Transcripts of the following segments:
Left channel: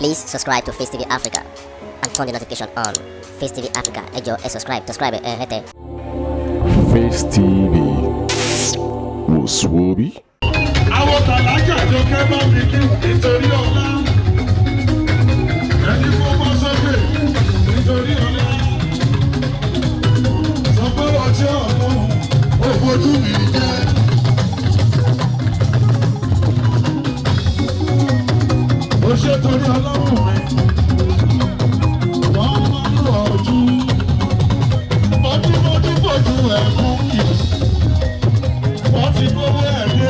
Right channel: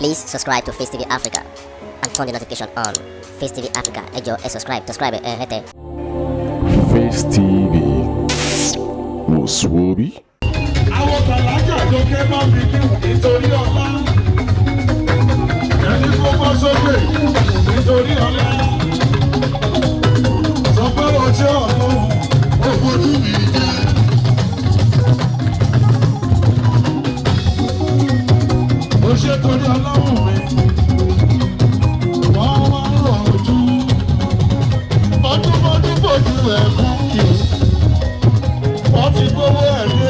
Please subscribe to Face TV Africa and turn the notification on. Face TV Africa, ẹ jọ̀ọ́ subscribe, hete. Face TV was Swoby. Àwọn tàlájà tó kẹ́ bá mi kí nítorí ọlá. Ẹni kó bọ́ sókè nítorí ọlá. Sọ pé ọjọ́ ọlọ́run ò fojú mi jẹ́. Ó ṣe torí ọlọ́run mi. Wọ́n máa ń lọ ojú. Ọdún fojú ẹ̀ mú kí. Wọ́n ti gbówó ẹ̀ ní.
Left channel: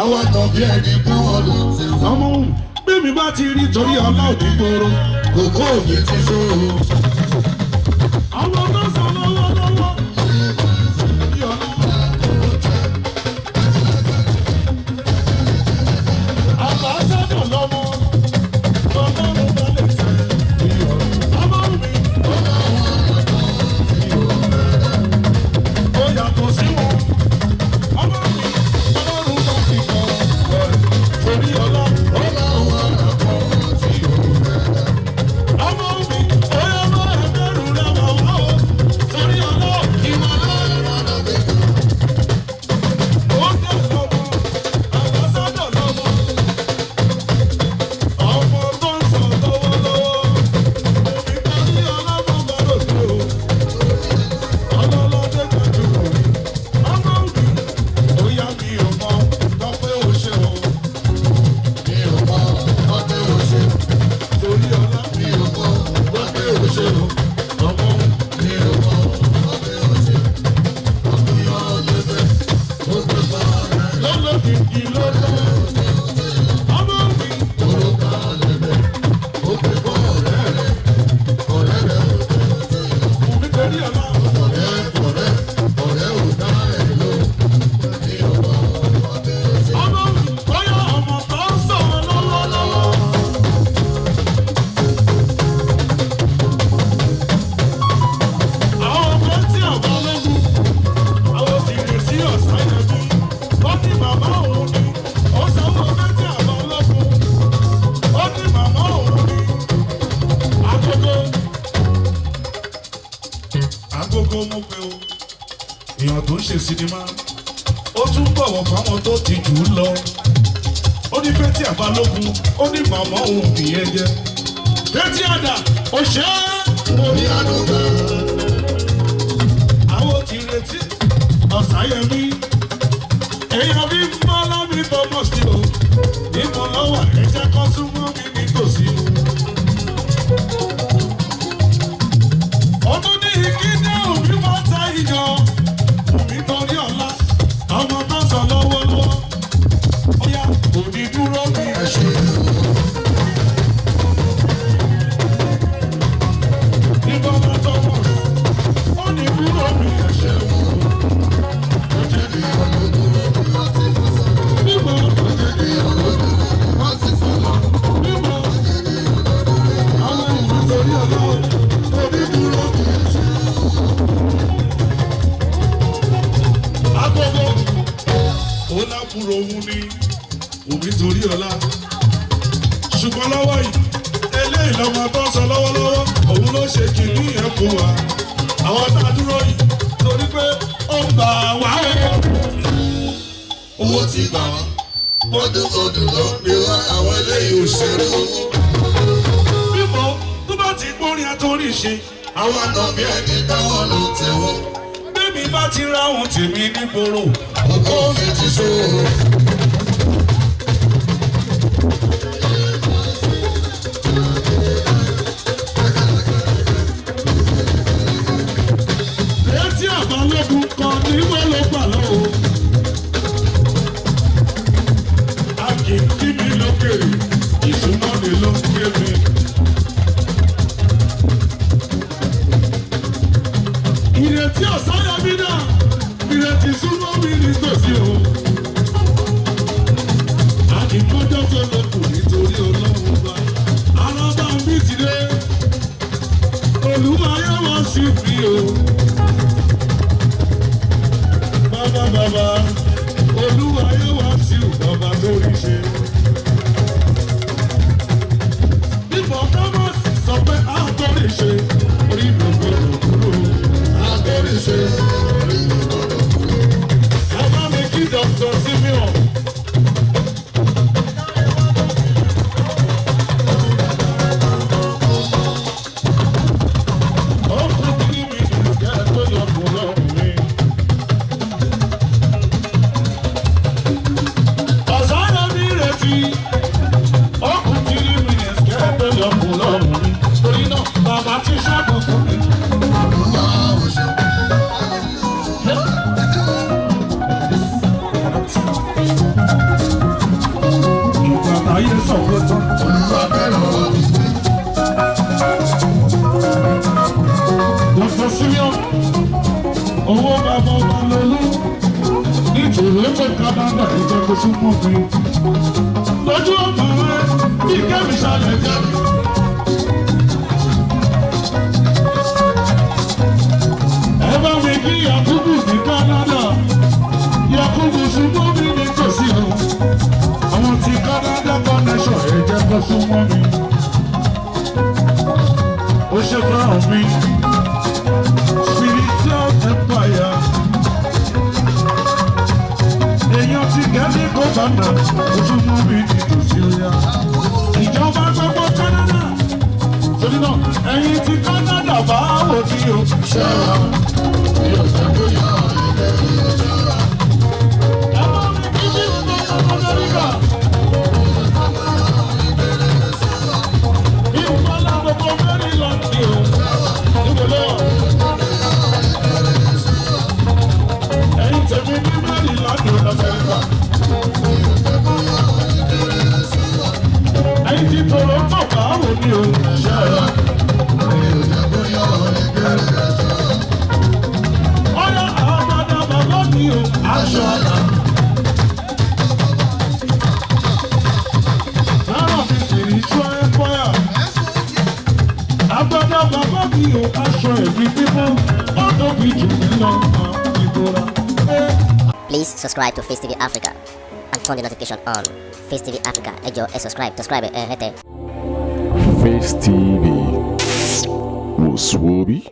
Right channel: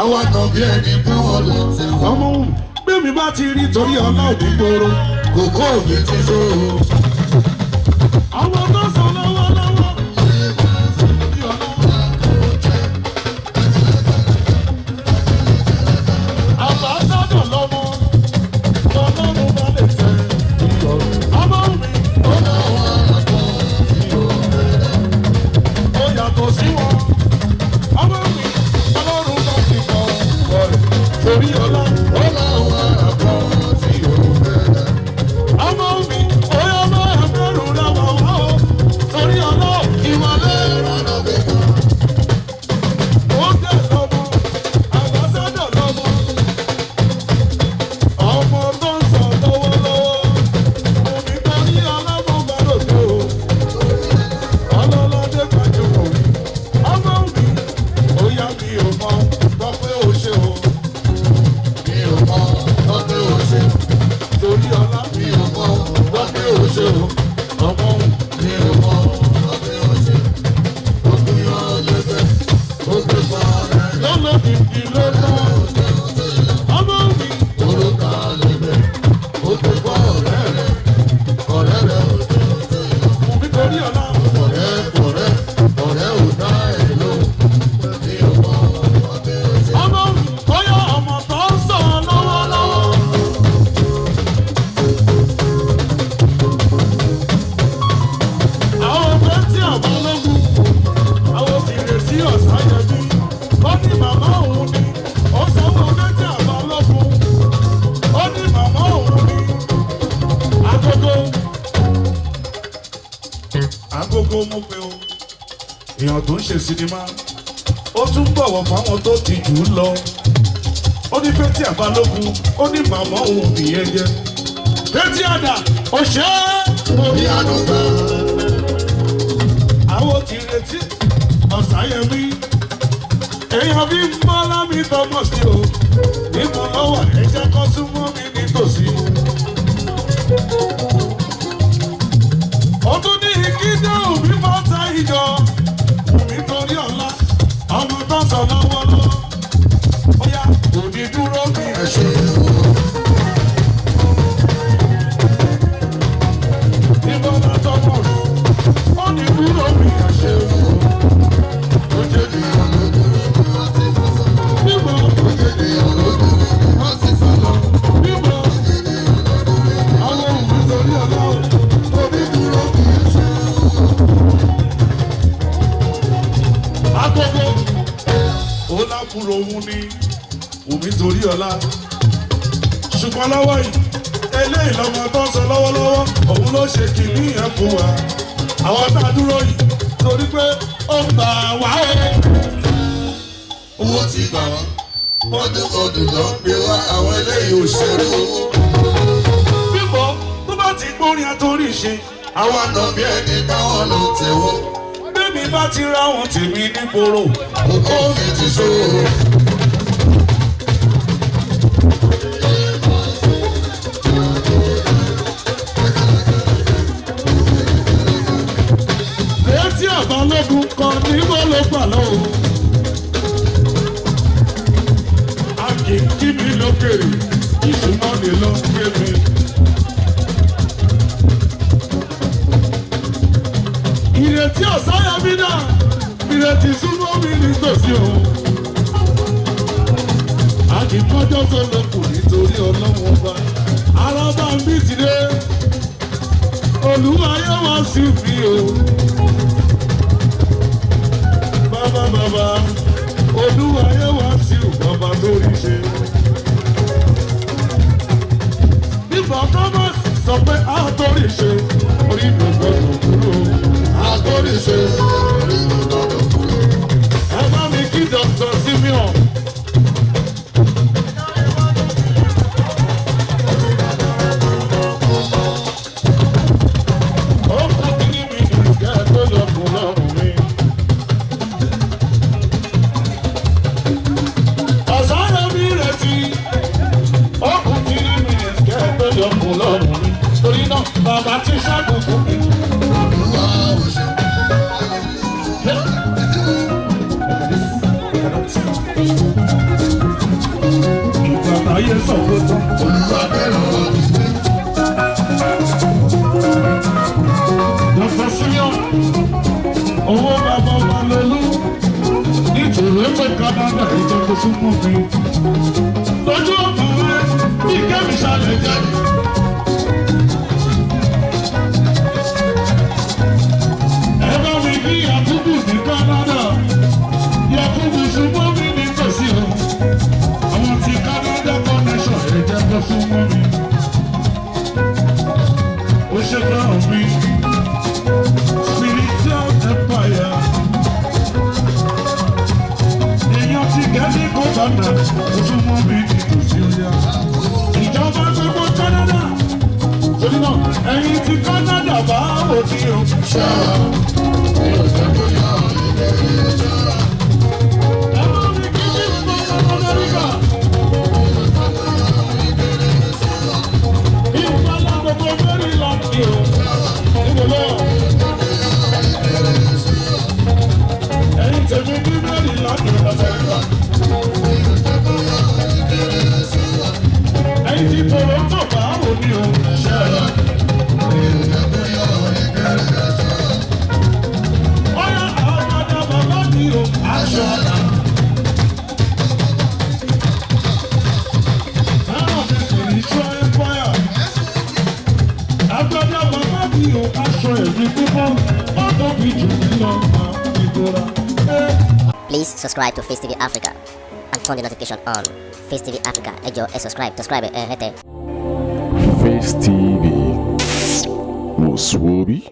Àwọn àtọ̀bí ẹni pé wọ́n lò tí wọ́n mú. Bí mi bá ti rí torí ọlọ́ọ̀dì gbòòrò, kòkó òbí ti sóró. Àwọn tó sọ lọ́wọ́lọ́wọ́. Àbá sọ́dọ̀ lọ́mọ, ọlọ́run bá lè tẹ̀. Ọmọ mi, ó láwọn àtọ̀ tí ó rẹ̀. Ó yàtọ̀ sí wọn. Ọmọ mi, ọlọ́run bá ti kọ́ ọ̀rẹ́. Torí ọlá, ó láwọn àtọ̀ tí ó rẹ̀. Ọmọ mi, ó yá máa bẹ̀rù lọ́wọ́ wá o. Torí ọlá, ìwà lẹ́rọ lọ́bẹ̀ kan. Ó tẹ̀ lọ́mọ, àbá sọ́dọ̀ lọ́mọ. Ọmọ tó ń sọ lọ́wọ́lọ́wọ́. Omi tó ní ọlọ́run bá lòdò o. Ọlọ́lọ́dé gbajúmọ̀. Ọmọ mi, ó yá mi ò mọ̀, gbọ́ pé ó ṣe o. Mi ò mọ̀, gbọ́ pé ó ṣe. Torí ọlá mi ò mọ̀, gbọ́ pé ó ṣe o. Ọmọ mi ò mọ̀, gbọ́ pé ó ṣe. Gbogbo yọ lẹ́fẹ̀, gbogbo pa rẹ̀. Lọ́lọ́kìkì ló tán. Ọmọ mi, orúkọ lẹ́fẹ̀, gbogbo pa ọ̀rẹ́ rẹ̀. Ọ̀rẹ́ rẹ̀ ò tẹ̀ ọ́ tẹ̀. Nítorí ọlá. Ọ̀rẹ́ ò dá ẹ̀ ló. Mi ò mọ̀, gbọ́ pé ó ṣe. Ọmọ mi, bóyá ọmọ tó ń sọ lọ́wọ́lọ́wọ́. Àwọn ọ̀fẹ́ tí àbọ̀ lógún, àwọn òkèèrè tí ọ̀sán yọjú. Ó ní màmá òun ni, ó sanwó ọ̀fẹ́ tí àbọ̀ lógún. Ó ní màmá òun ni, agogo mo pe o. Èèyàn tó ń ṣe sinimá, ó tún bọ̀wọ̀ fáwọn tó ti jù ú lọ. Ó ní Fẹ́tí Àbálógun, ó ní màmá òun fìyẹn jẹ. Fẹ́tí àdà, ó ṣe é. Orí àdúgbò. Àwọn ti retí Ọ̀sáyẹmí. Èèyàn bí Mọ́lá mi tọmọ sí o. Ìmọ̀ lọ́wọ́ ẹ̀jẹ̀ kan súnmọ́ mi nítòsí. Ọdún ní ìkíndé òbí máa ta ìjọ. Nítorí ọ̀la, ọmọ tó sọ lọ́wọ́lọ́wọ́. Ó yá, òní dúró bí ẹ̀ṣẹ̀ wo. Nígbà bá tọwọ́, ó ní dúró bí ẹ̀ṣẹ̀ wo. Ó jẹ́ ní ọlọ́dúró. kúrò òun ni Wùmí torí ọlá. Ṣùgbọ́n lọ́wọ́ yìí, eléyìí lọ́mọ tó ń sọ lọ́wọ́lọ́wọ́, òun ló ṣe kìíní yẹn fún wa. Àwọn tá a dúró yìí torí pé ó ń gbà wá. Owó ti gbà wọ́n, mọ́dúnkọ́dún ló ń gbé wá àwọn eléyìí òṣèré owó. Bíbọ̀ tó bá ti gbórin àtòrí ṣe, àwọn àna bí ẹni táwọn ló tẹ̀wọ́. Bébí bá ti ra wọn tèmi nígboro, òkò mi ti ṣòro. Létí àbálògùn kan ní wọ́n ló gbà lọ́wọ́. A kì í kí mi lókèrè, ìsúná mi ló ń gbé mi. Ìrètí ọ̀sáyà mi náà, ìrètí súnmọ́ mi nítòsí o. Àdìmọ́jọ́ tó lọ kù nítorí ọlọ́wọ́n bá. Ara bá ń bí tìrẹ, Olúwa yóò wá sí mi o. Bàbá, Olúwa yóò wá sí ọba tó rí ṣe. Bíbọ̀ Thomas sọ pé a tó rí ṣe, orí mi ò gbọdọ̀ kúrò. A tó rí ṣe, orí mi ò gbọdọ̀ kúrò. Ẹ bá mi kí Dr. Simeon. Ó kú kí mi ìgbà tó yọ kù lọ́rùn mi. Ọ̀sáyà mi retí, ó kú kí mi ìgbà tó yọ kù lọ́rùn mi. Torí náà, bàbá ti ṣàgùn fún mi. Ìgbà ayé sọ pé tán. Olúwa bẹ̀rẹ̀ wá. Dr. Simeon, owó bàbá wa lọ́lọ́. Nítorí pé Canada ìjẹ́ kó súnmọ́ mi. Lójú ọ̀gbìn rẹ̀, bí kẹ́mi ṣàlẹ̀ jáde. Ẹ bá mi kí Yakubu ní Canada. Yakubu súnmọ́ mi nítòsí o. Àwọn ti Canada connection ẹ jẹ́ kó súnmọ́ mi. Ó ṣe fẹ́ràn mi. Spiritual empire. Èèyàn ti gẹ́gẹ́ kó bàtà, ó súnmọ́ mi nítòsí ọ̀yà. Ìjọba gbogbo Canada. Torí náà, ẹ̀yin ti Canada bá wò ní o. Ṣé mi ò fẹ́ bóyá ìbẹ̀rẹ̀ ìjọba? Ẹ bá mi kí ní ìgbésẹ̀ Amẹ́ríkà. Ìpàlà gbogbo Maryland ni o. Níbo lọ? Ẹ̀yin tèmi ní Maryland ní Amẹ́ríkà. Ẹ̀yin ti Toronto bá wò ní o. Ṣé ẹ? Ọ̀yá àbàdà bàbá mi o. Aṣọ. Náà fi spiritual empire. Àbàdà bàbá mi o. Aṣọ ẹ̀mí mímọ́. Ó tóbi jù mí lọ. Ìgbòrà. Please subscribe to Face TV Africa and turn the notification on. Face TV Africa, ẹ jọ̀ọ́ ẹ subscribe hete. Face TV was Swoby.